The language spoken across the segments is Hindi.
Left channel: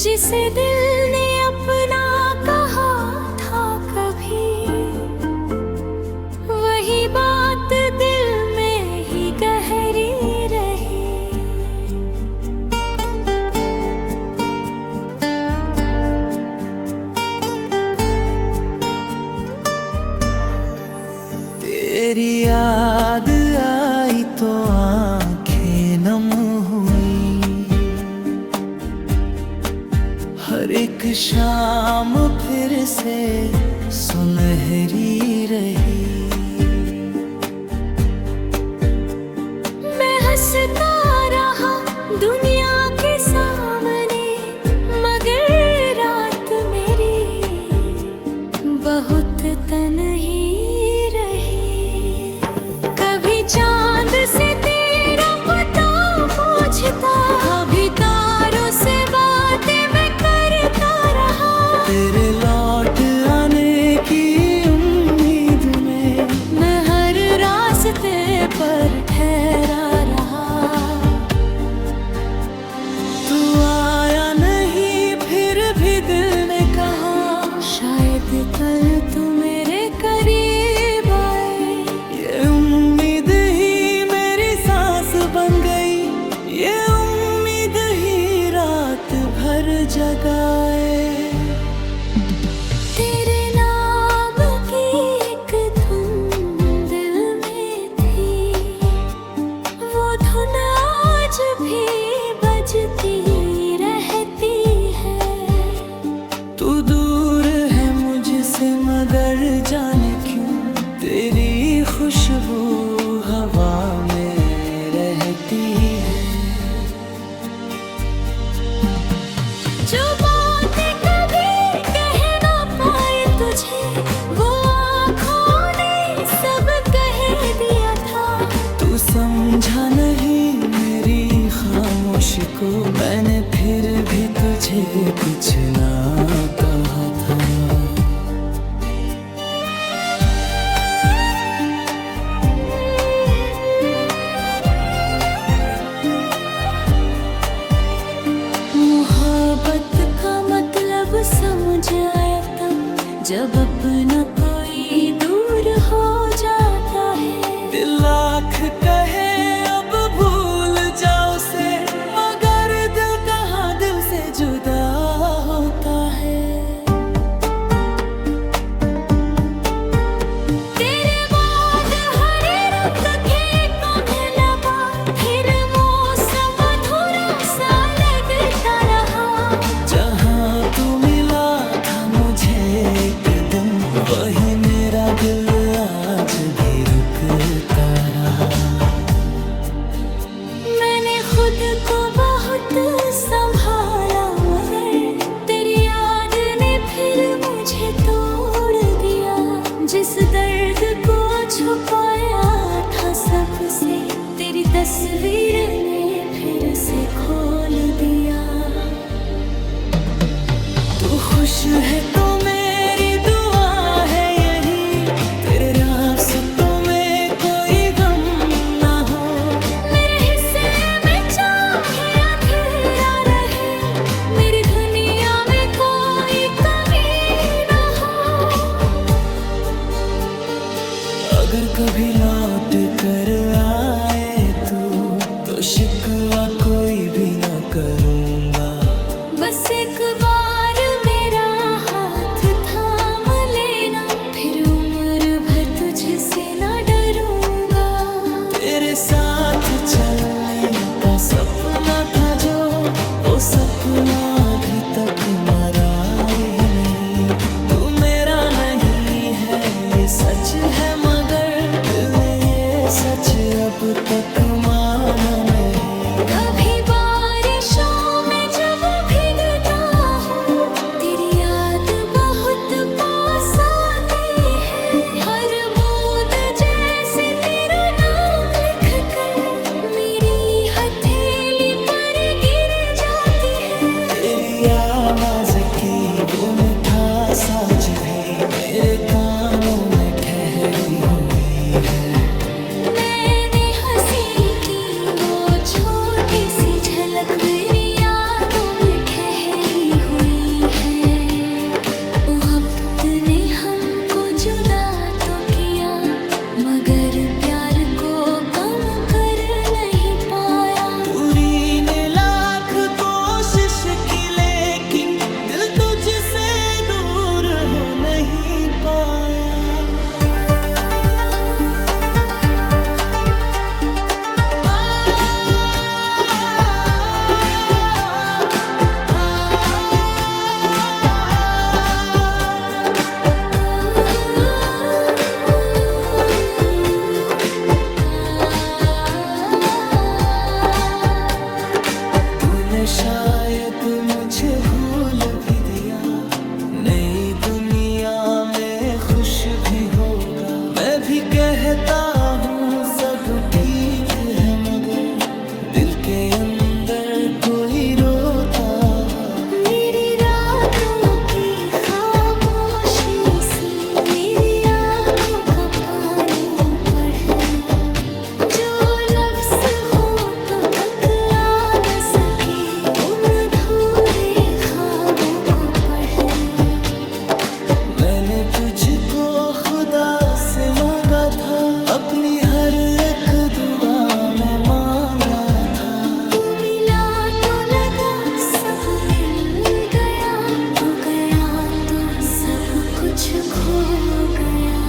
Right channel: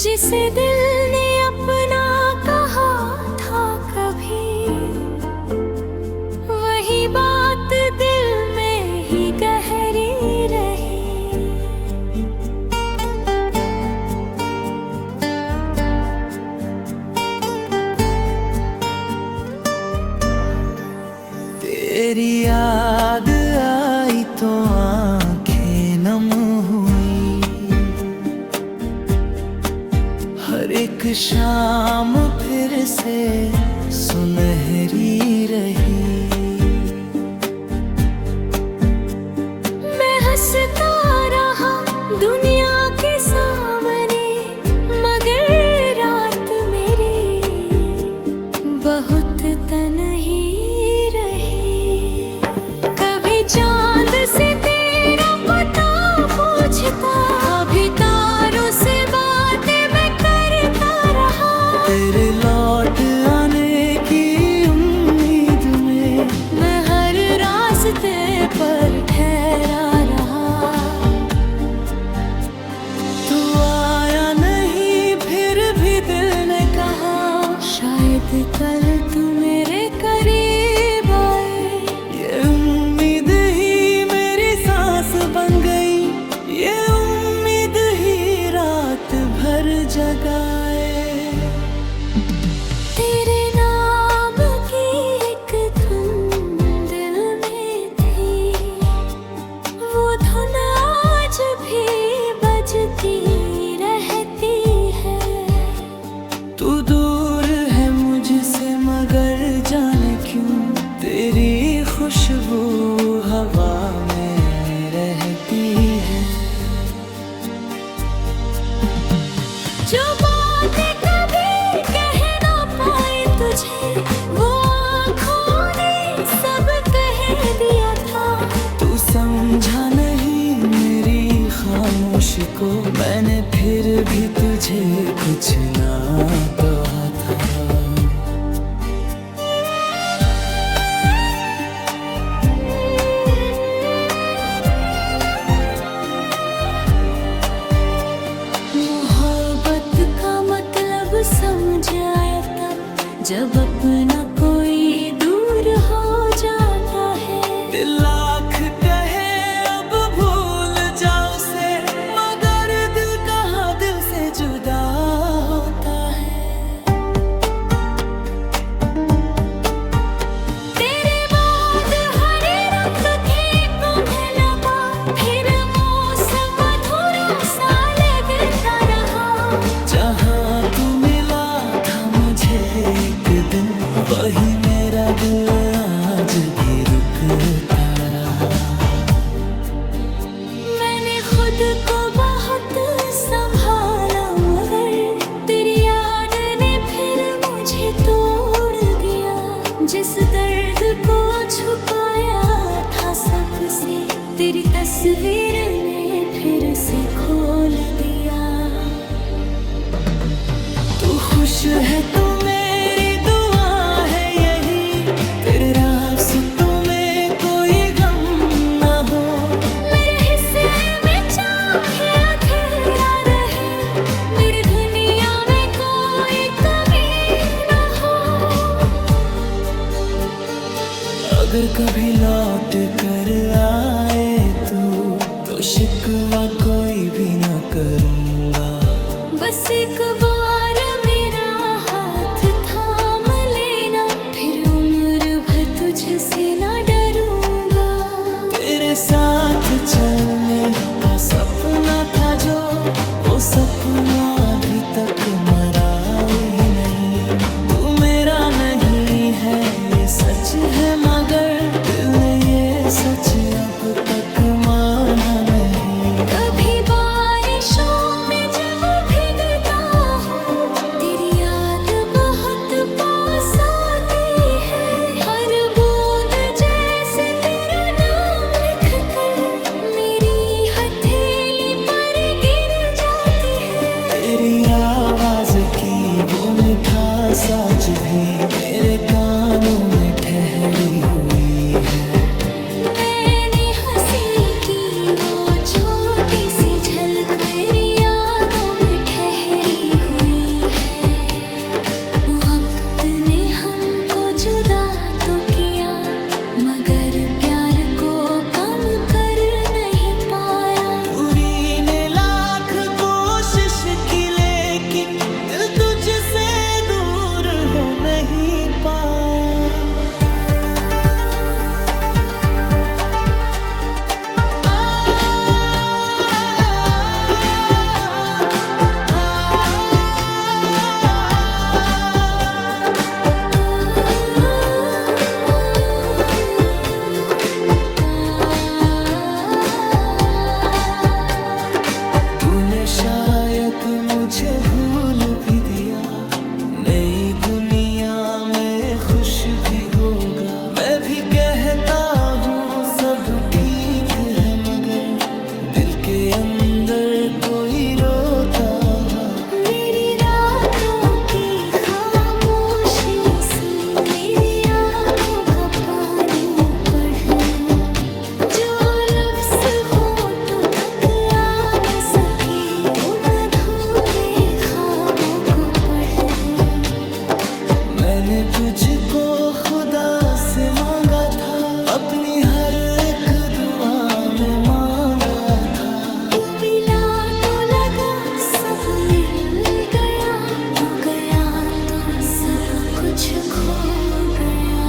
जिसे दिल ने अपना कहा था कभी, वही बात दिल में ही गहरी रही। तेरी याद आई तो आंखें नम हुई, हर एक शाम फिर से सुनहरी रही। मैं हंसता रहा दुनिया के सामने, मगर रात मेरी बहुत तन्ही रही। कभी चांद से तेरा पता पूछता, कभी तारों से बातें मैं करता रहा। तेरे लौट आने की उम्मीद में मैं हर रास्ते पर ठहरा रहा। तू आया नहीं फिर भी दिल ने कहा, शायद कल तू मेरे करीब आए। ये उम्मीद ही मेरी सांस बन गई, ये उम्मीद ही रात भर जगाए। तेरे नाम की एक धुन दिल में थी, वो धुन आज भी बजती रहती है। तू दूर है मुझसे मगर जाने क्यों तेरी खुशबू हवा में रहती है। जो बातें कभी कह ना पाए तुझे, वो आँखों ने सब कह दिया था। तू समझा नहीं मेरी खामोशी को, मैंने फिर भी तुझे कुछ ना कहा था। मोहब्बत का मतलब समझ आया तब, जब अपना कोई दूर हो जाता है। दिल लाख कहे अब भूल जाओ से, मगर दिल कहाँ दिल से जुदा होता है। तेरे बाद हरे रंग खेतों में लगा, फिर मौसम अधूरा सा लगता रहा। जहाँ तू मिला था मुझे एक दिन, वही मेरा दिल आज भी रुकता रहा। मैंने खुद को बहुत संभाला, मगर तेरी याद ने फिर मुझे तोड़ दिया। जिस दर्द को छुपाया था सबसे, तेरी तस्वीर ने फिर से खोल दिया। तू खुश है तो मेरी दुआ है यही, तेरे रास्तों में कोई गम ना हो। मेरे हिस्से में चाहे अंधेरा रहे, मेरी दुनिया में कोई कमी ना हो। अगर कभी लौट कर आए तू, तो शिकवा कोई भी न करूँगा। बस एक बार मेरा हाथ थाम लेना, फिर उम्र भर तुझसे ना डरूंगा। तेरे साथ चलने का सपना था जो, वो सपना अभी तक मरा ही नहीं। तू मेरा नहीं है ये सच है, मगर दिल ने ये सच अब तक माना नहीं। कभी बारिशों में जब भीगता हूँ, तेरी याद बहुत पास आती है। हर बूंद जैसे तेरा नाम लिख कर मेरी हथेली पर गिर जाती है। तेरी आवाज की वो मिठास आज भी मेरे कानों में ठहरी हुई है। मैंने हंसी की वो छोटी सी झलक मेरी यादों में ठहरी तूने शायद मुझे भूल भी दिया, नई दुनिया में खुश भी होगा। मैं भी कहता हूँ सब ठीक है, मगर दिल के अंदर कोई रोता है। मेरी रातों की खामोशी सुन, मेरी आँखों का पानी पढ़, जो लफ्ज़ होठों तक आ न सके उन अधूरे ख्वाबों को पढ़। मैंने तुझको खुदा से मांगा था, अपनी हर एक दुआ में मांगा था। तू मिला तो लगा सब मिल गया, तू गया तो सब कुछ खो गया।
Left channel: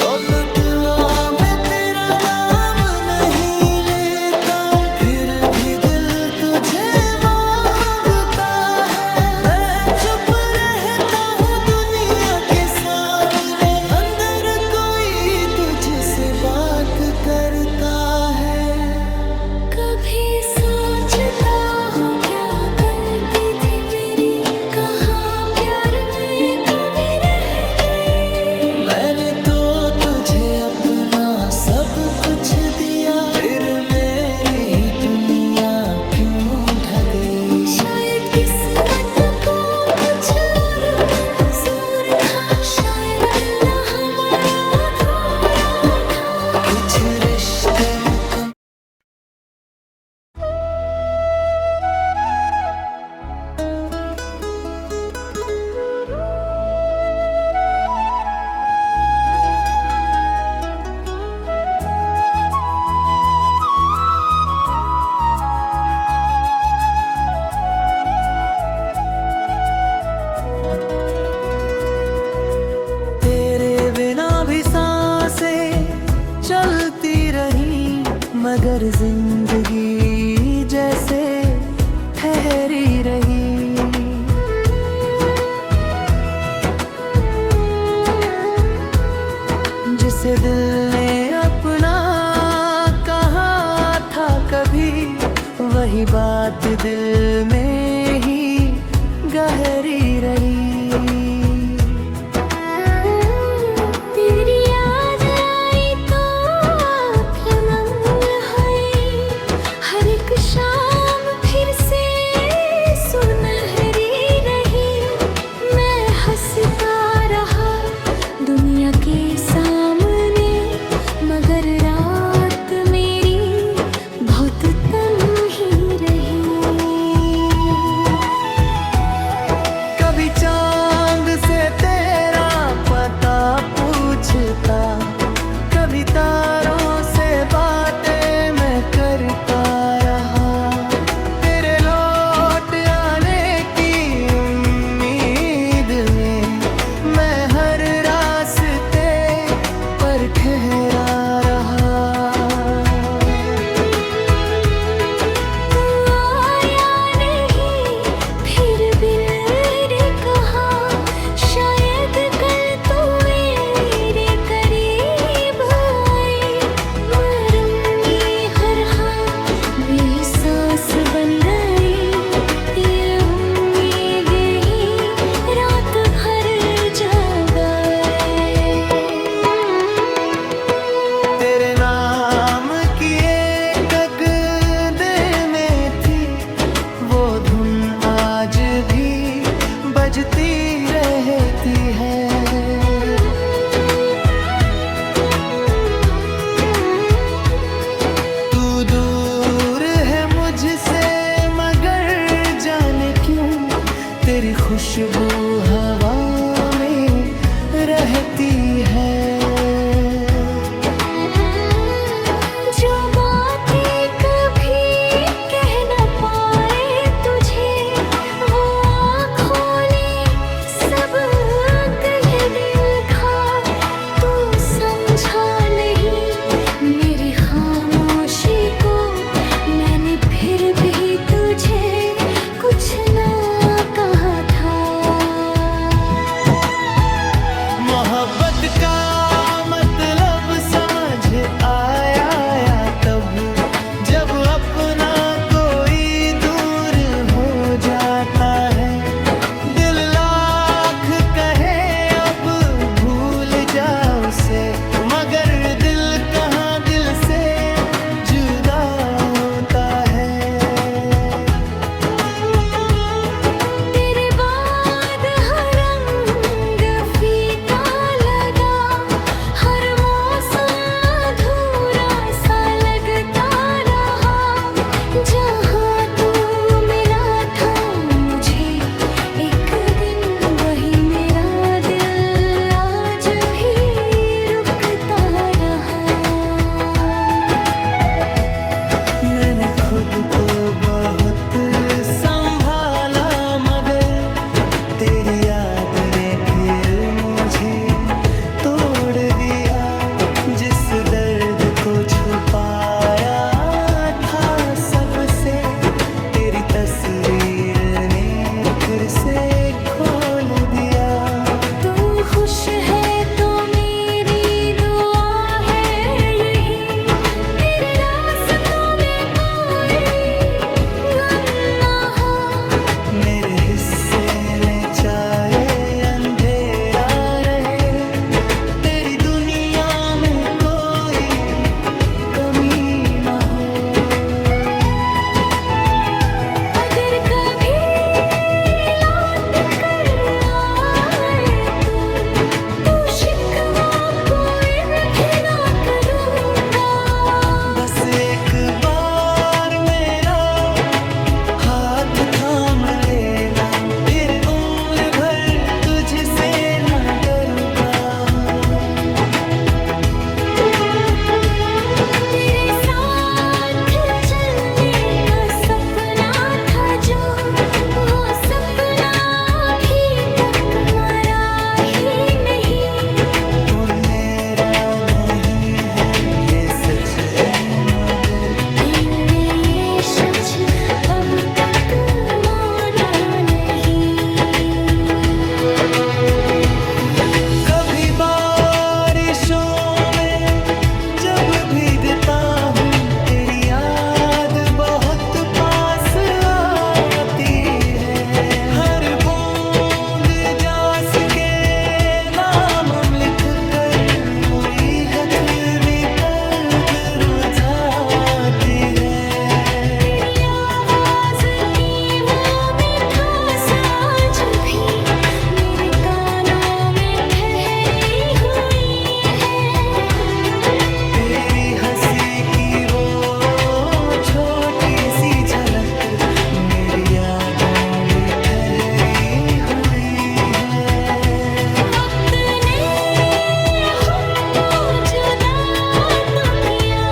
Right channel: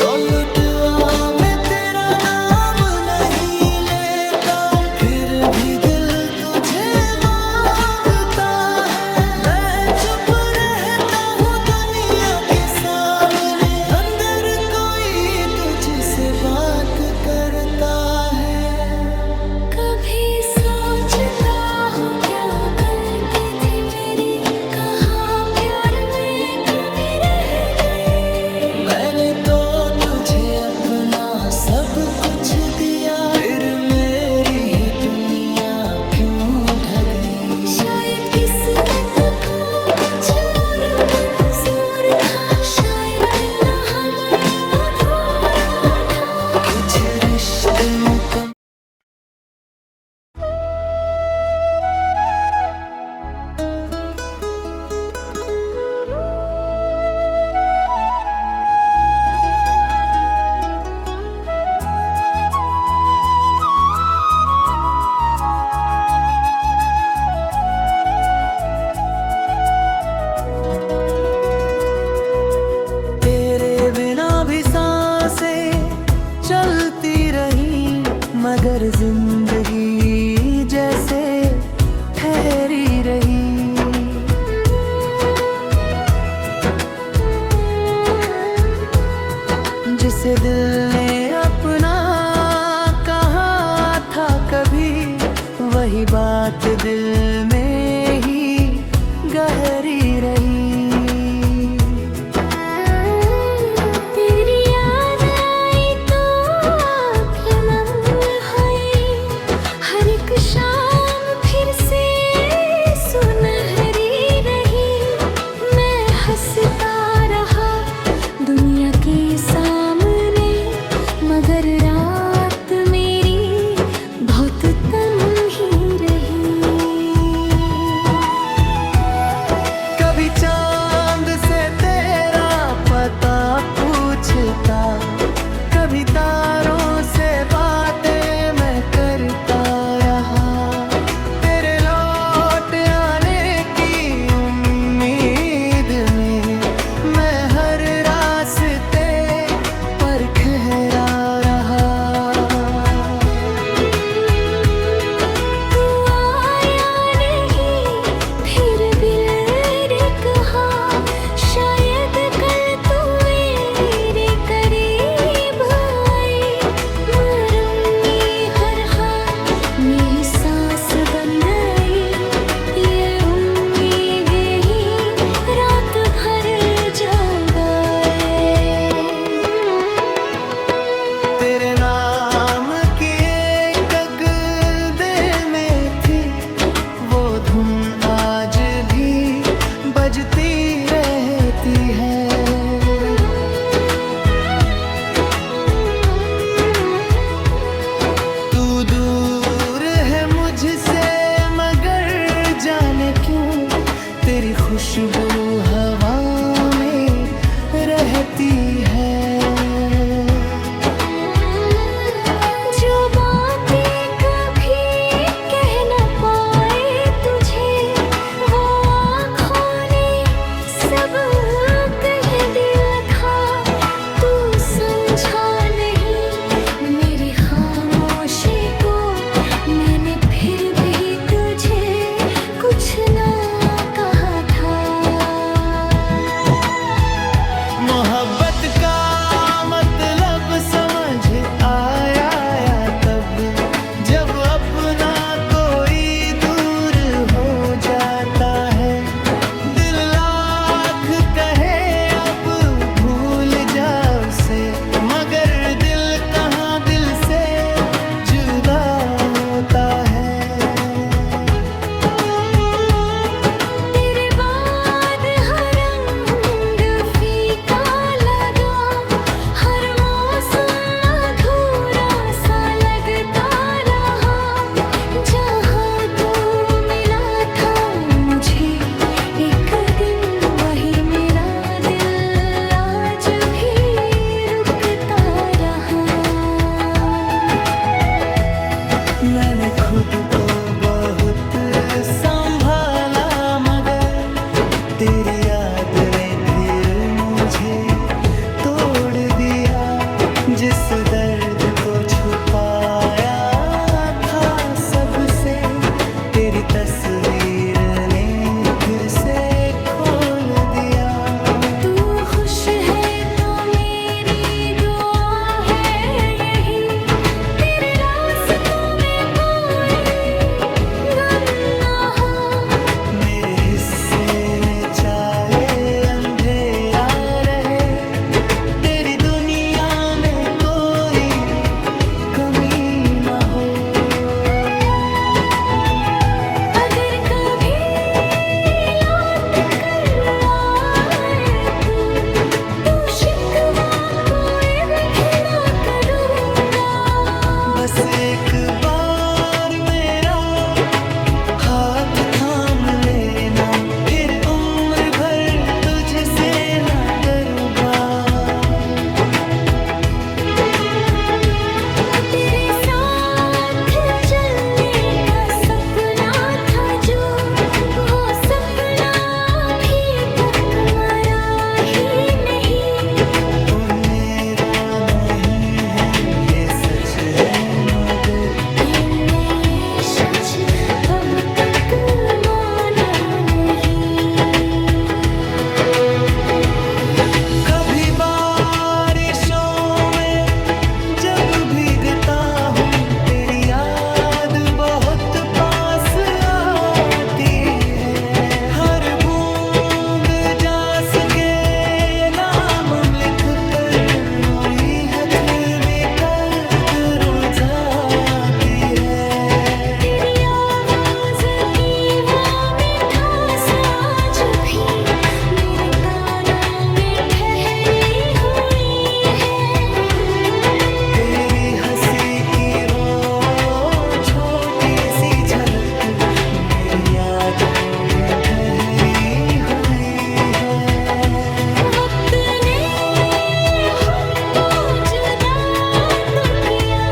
तो लुटवा मैं तेरा नाम नहीं लेता, फिर भी दिल तुझे मांगता है। मैं चुप रहता हूँ दुनिया के सामने, अंदर कोई तुझसे बात करता है। कभी सोचता हूँ क्या गलती थी मेरी, कहाँ प्यार में कमी रह गई। मैंने तो तुझे अपना सब कुछ दिया, फिर मेरी ही दुनिया क्यों ढह गई। शायद किस्मत को कुछ और मंजूर था, शायद मिलना हमारा अधूरा था। कुछ रिश्ते मुकम्मल चलती रही, मगर जिंदगी जैसे ठहरी रही। जिसे दिल ने अपना कहा था कभी, वही बात दिल में ही गहरी रही। शाम फिर से सुनहरी रही, मैं हंसता रहा दुनिया के सामने, मगर रात मेरी बहुत तन्ही रही। कभी चांद से तेरा पता पूछता, कभी तारों से बातें मैं करता रहा। तेरे लौट आने की उम्मीद में मैं हर रास्ते पर ठहरा रहा। तू आया नहीं फिर भी ने कहा, शायद कल तू मेरे करीब आए। मरूंगी हर हाल में सांस बन गई, ये उम्मीद ही रात भर जगाए। तेरे नाम की एक गगदे में थी, वो धुन आज भी बजती रहती है। तू दूर है मुझसे, मगर जाने क्यों तेरी खुशबू हवा में रहती है। जो बातें कभी कह न पाए तुझे, वो आँखों ने सब कह दिखा। तू समझा नहीं मेरी खामोशी को, मैंने फिर भी तुझे कुछ ना कहा था। मोहब्बत का मैंने खुद को बहुत संभाला, मगर तेरी याद ने फिर मुझे तोड़ दिया। जिस दर्द को छुपाया था सबसे, तेरी तस्वीर ने फिर से खोल दिया। तू खुश है तो मेरी दुआ है यही, तेरे रास्तों में कोई गम ना हो। मेरे हिस्से में चाहे अंधेरा रहे, तेरी दुनिया में कोई कमी ना हो। अगर कभी लौट कर आए तू शिकवा कोई भी ना करूँगा। बस एक बार मेरा हाथ थाम लेना, फिर उम्र भर तुझसे ना डरूंगा। तेरे साथ चलने का सपना था जो, वो सपना अभी तक मरा ही नहीं। वो मेरा नहीं है ये सच है, मगर दिल ने ये सच अब तक माना नहीं। कभी बारिशों में जब भीगता हूँ, तेरी याद बहुत पास आती है। हर बूंद जास के नाम लिख कर वही हाथ में कल्ब रुझाती है। तेरी आवाज की वो मिठास आज भी मेरे कानों में ठहरी हुई है। तेरी हंसी की वो छोटी सी झलक मेरी यादों में ठहरी हुई है। वक्त ने हमको जुदा तो किया,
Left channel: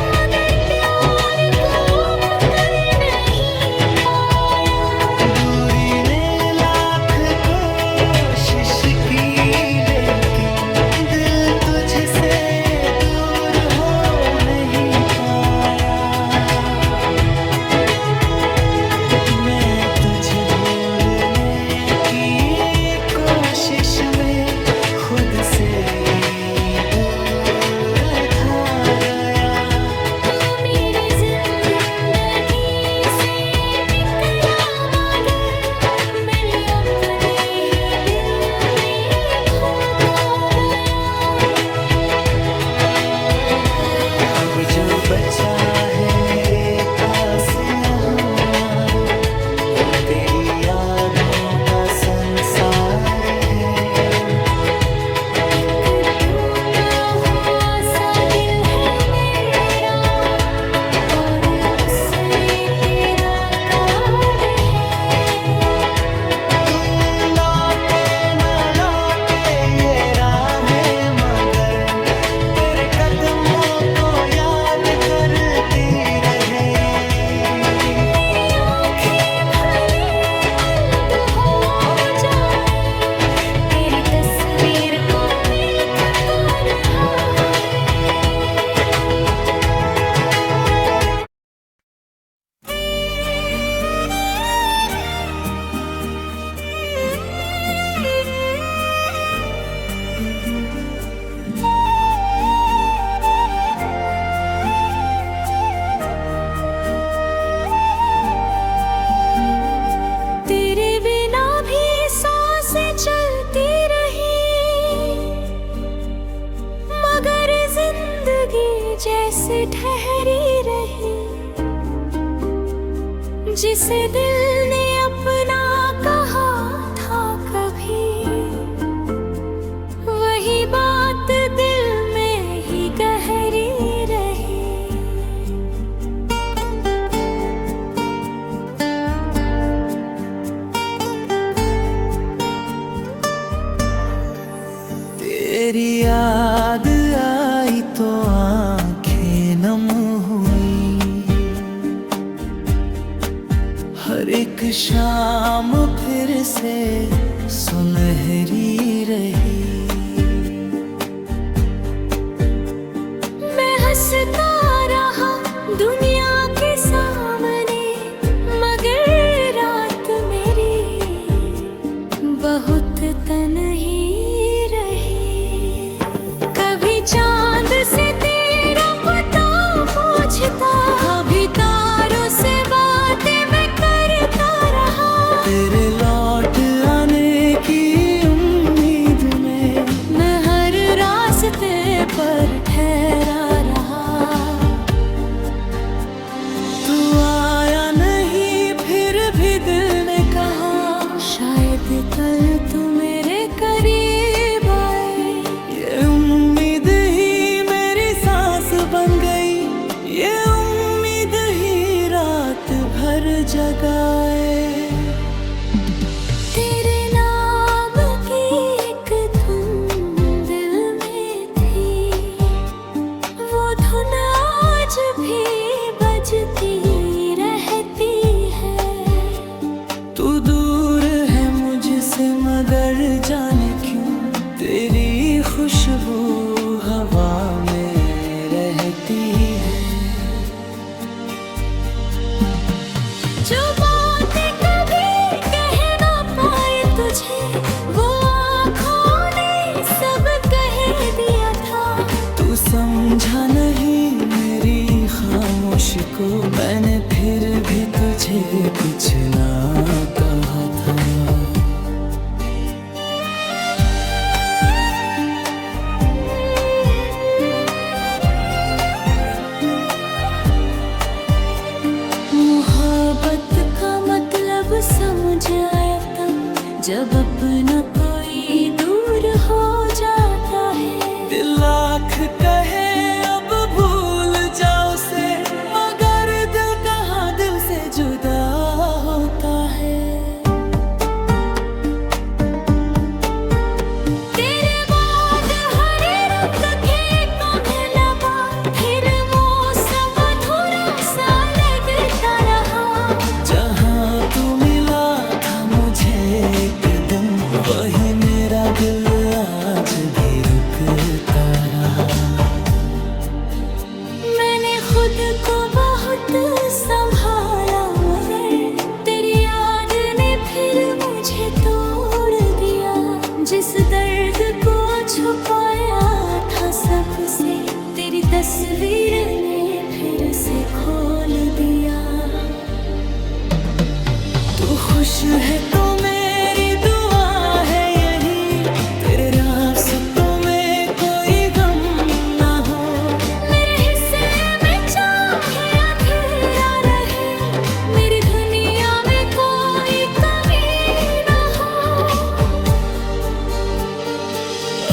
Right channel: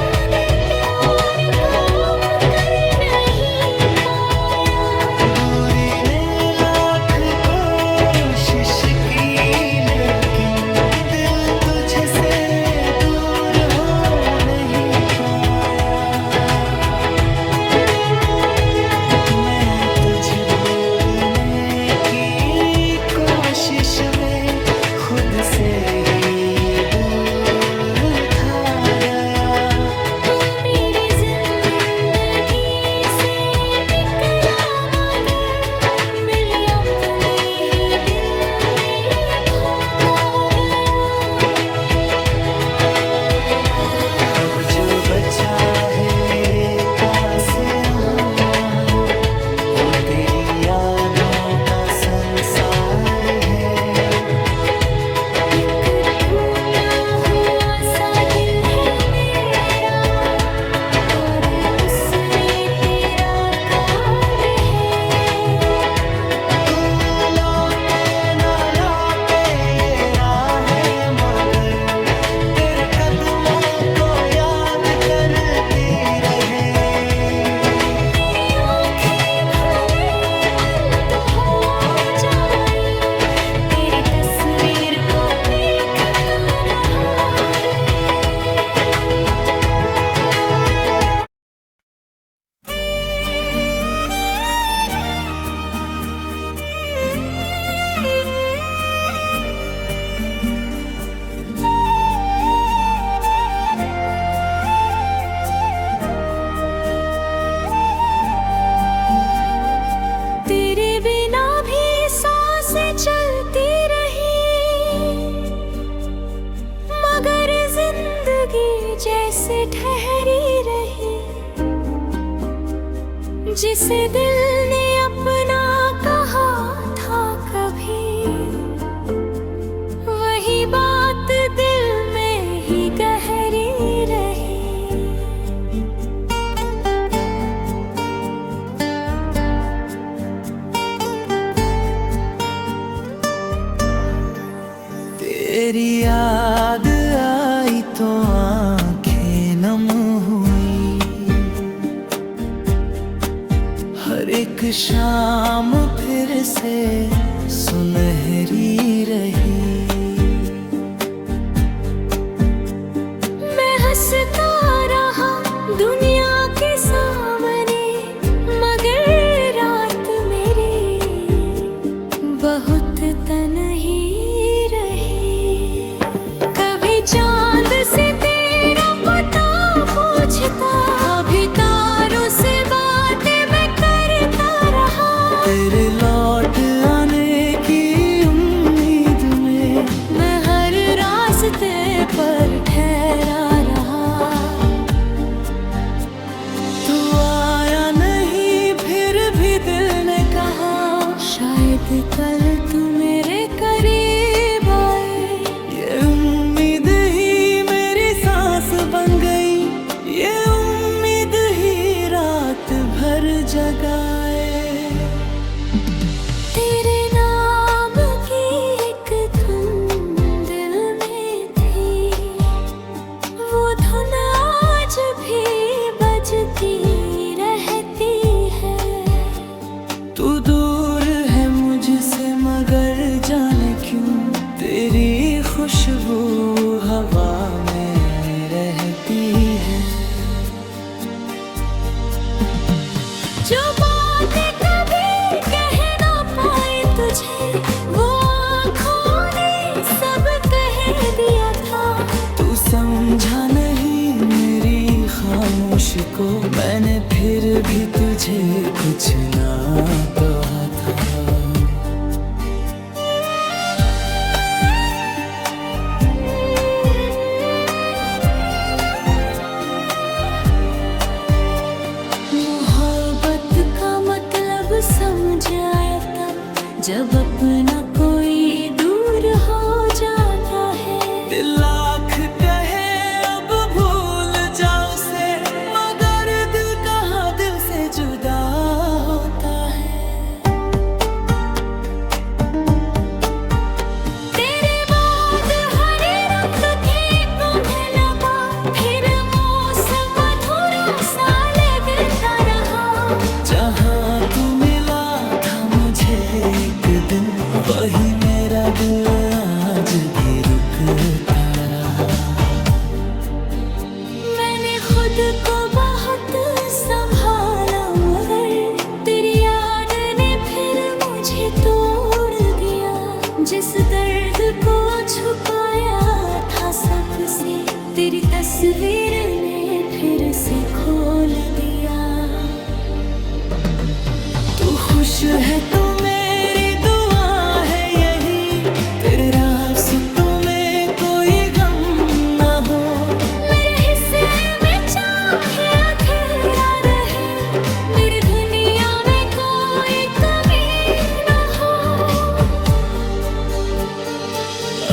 मगर प्यार को कर नहीं पाया। दूरी ने लाख कोशिश की, लेकिन दिल तुझसे दूर हो नहीं पाया। मैं तुझे भूलने की कोशिश में खुद से ही दूर था गया। तू मेरी जिंदगी से निकला, मगर मिल अपने ही दिल में खोता गया। अब जो बचा है मेरे पास यहाँ, वो तेरी यादों का संसार है। एक टूटा हुआ सा दिल है मेरा, और उसमें तेरा कार है। तू लौटे न लौटे ये राहें, मगर तेरे कदमों को याद करती रहे। मेरी आँखें भले बंद हो जाए, तेरी तस्वीर को देखता रहा रे। तेरे बिना भी सांसें चलती रही, मगर जिंदगी जैसे ठहरी रही। जिसे दिल ने अपना कहा था कभी, वही बात दिल में ही गहरी रही। तेरी याद आई तो आंखें नम हुई, एक शाम फिर से सुनहरी रही। मैं हंसता रहा दुनिया के सामने, मगर रात मेरी बहुत तन्ही रही। कभी चांद से तेरा पता पूछता, कभी तारों से बातें मैं करता रहा। तेरे लौट आने की उम्मीद में मैं हर रास्ते पर ठहरा रहा। तू आया नहीं फिर भी दिल ने कहा, शायद कल तू मेरे करीब आए। ये उम्मीद ही मेरी सांस बन गई, ये उम्मीद ही रात भर जगाए। तेरे नाम की एक धुन दिल में थी, वो धुन आज भी बजती रहती है। तू दूर है मुझसे मगर जाने क्यों तेरी खुशबू हवा में रहती है। जो बातें कभी कह ना पाए तुझे, वो आँखों ने सब कह दिया था। तू समझा नहीं मेरी खामोशी को, मैंने फिर भी तुझे कुछ ना कहा था। मोहब्बत का मतलब समझ आया तब, जब अपना कोई दूर हो जाता है। दिल लाख कहे अब भूल जाओ उसे, मगर दिल कहाँ दिल से जुदा होता है। तेरे बाद हरे रंग खेतों में लगा, फिर मौसम अधूरा सा लगता रहा। जहाँ तू मिला था मुझे एक दिन, वही मेरा दिल आज भी रुकता रहा। मैंने खुद को बहुत संभाला, मगर तेरी याद ने फिर मुझे तोड़ दिया। जिस दर्द को छुपाया था सबसे, तेरी तस्वीर ने फिर से खोल दिया। तू खुश है तो मेरी दुआ है यही, तेरे रास्तों में कोई गम ना हो। मेरे हिस्से में चाहे अंधेरा रहे, मेरी दुनिया में कोई कमी ना हो।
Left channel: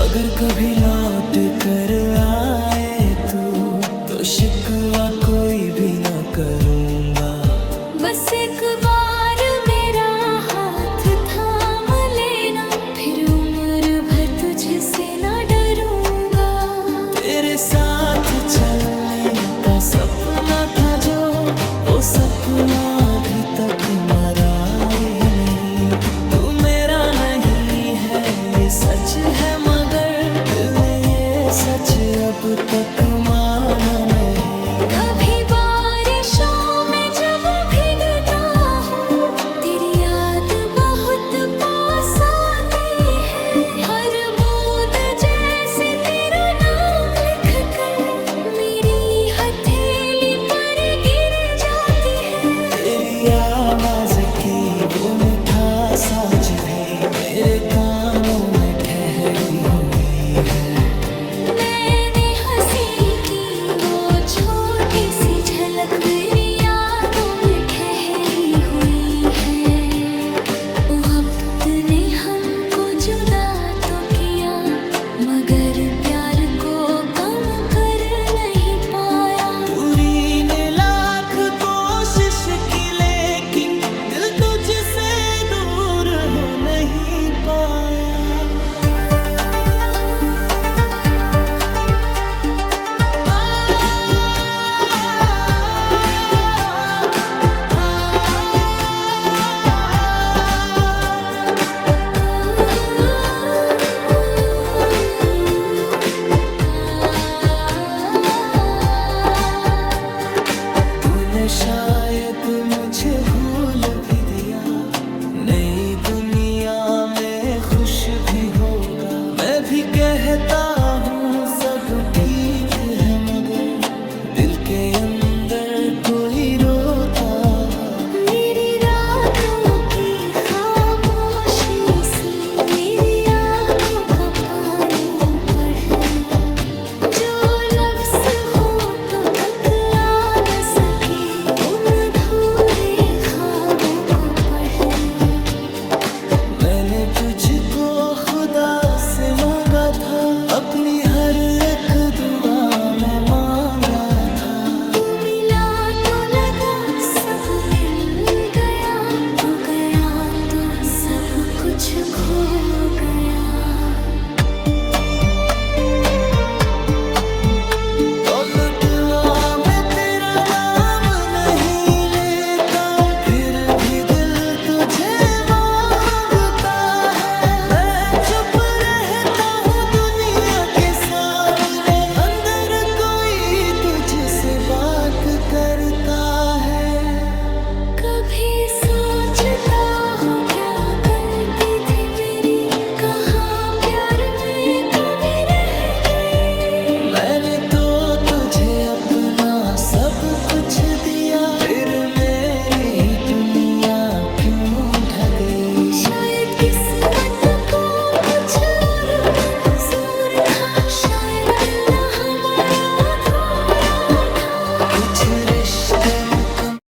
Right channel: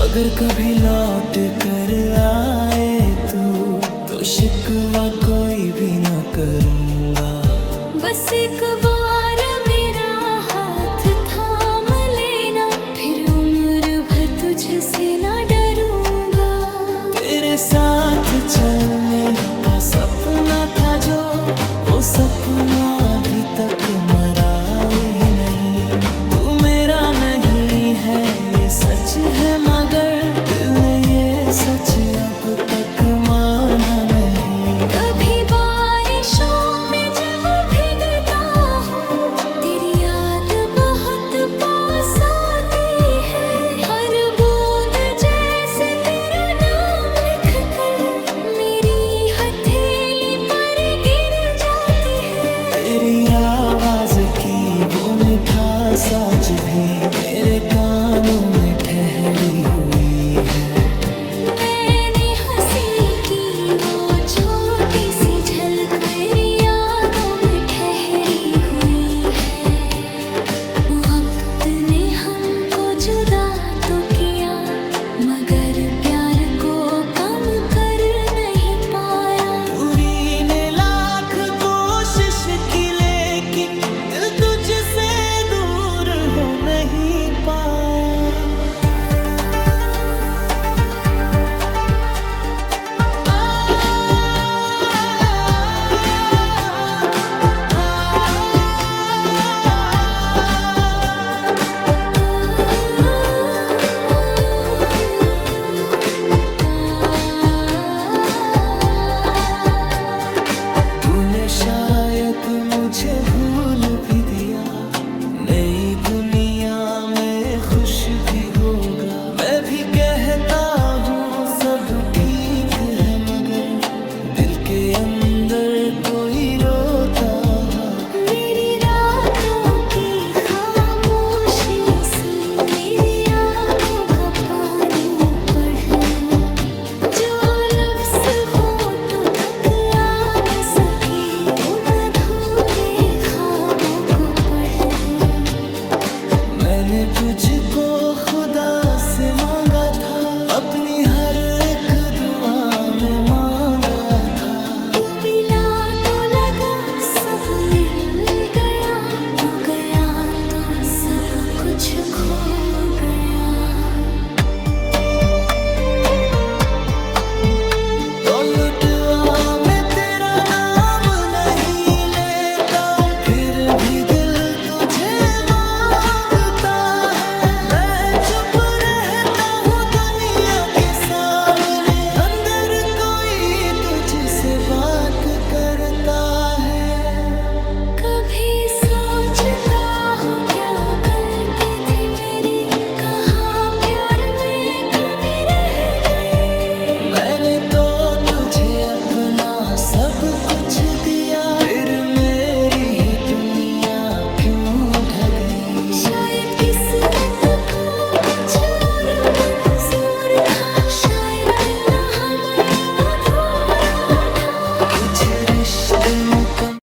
अगर कभी लौट कर आए तू, तो शिकवा कोई भी ना करूँगा। बस एक बार मेरा हाथ थाम लेना, फिर उम्र भर तुझसे ना डरूंगा। तेरे साथ चलने का सपना था जो, वो सपना अभी तक मरा ही नहीं। तू मेरा नहीं है ये सच है, मगर दिल ने ये सच अब तक माना नहीं। कभी बारिशों में जब भीगता हूँ, तेरी याद बहुत पास आती है। हर बूंद जैसे तेरा नाम लिख कर मेरी हथेली पर गिर जाती है। तेरी आवाज की वो मिठास आज भी मेरे कानों में ठहरी हुई है। मैंने हंसी की वो छोटी सी झलक मेरी यादों में ठहरी हुई है। वक्त ने हमको जुदा तो किया, मगर प्यार को कम कर नहीं पाया। दूरी ने लाख कोशिश की, लेकिन दिल तुझसे दूर हो नहीं पाया। तूने शायद मुझे भूल भी दिया, नई दुनिया में खुश भी होगा। मैं भी कहता हूँ सब ठीक है, मगर दिल के अंदर कोई रोता है। मेरी रातों की खामोशी सुन, मेरी आँखों का पानी पढ़, जो लफ्ज़ होठों तक आ न सके उन अधूरे ख्वाबों को पढ़। मैंने तुझको खुदा से मांगा था, अपनी हर एक दुआ में मांगा था। तू मिला तो लगा सब मिल गया, तू गया तो सब कुछ खो गया। तो लुटवा मैं तेरा नाम नहीं लेता, फिर भी दिल तुझे मांगता है। मैं चुप रहता हूँ दुनिया के सामने, अंदर कोई तुझसे बात करता है। कभी सोचता हूँ क्या गलती थी मेरी, कहाँ प्यार में कमी रह गई। मैंने तो तुझे अपना सब कुछ दिया, फिर मेरी ही दुनिया क्यों ढह गई। शायद किस्मत को कुछ और मंजूर था, शायद मिलना हमारा अधूरा था। कुछ रिश्ते मुकम्मल